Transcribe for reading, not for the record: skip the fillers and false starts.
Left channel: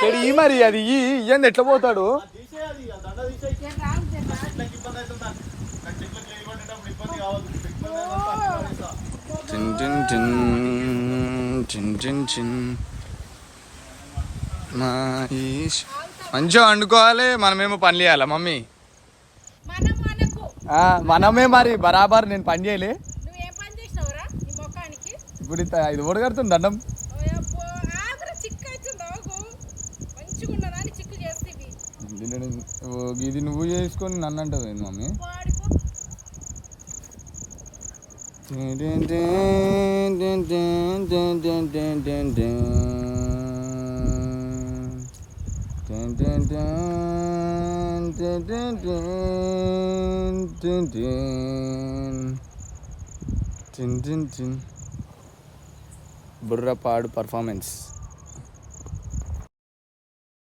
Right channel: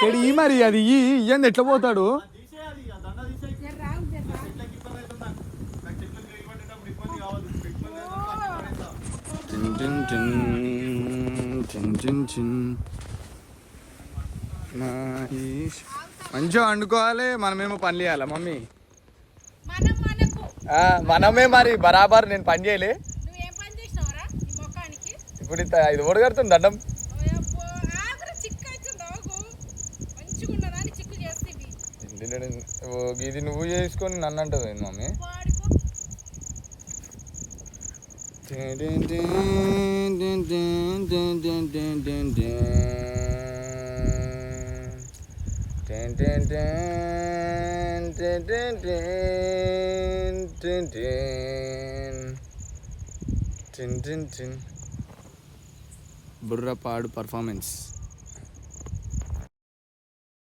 చెడి మరి అది ఇయ్యండి ఎట్లా పోతాడు. మంచిగా వండుకోవాలి, మనమేమో పని చేయాలా మమ్మీ? మనమే మరి బరాబర్. నేను పని చేయలే ఇప్పుడు ఇది ఓడగడుతుంది దండం. ఇది నువ్వు చేసుకొని నన్ను అంటావు మమ్మీ. బుర్రపాడు పర్ఫార్మెన్స్.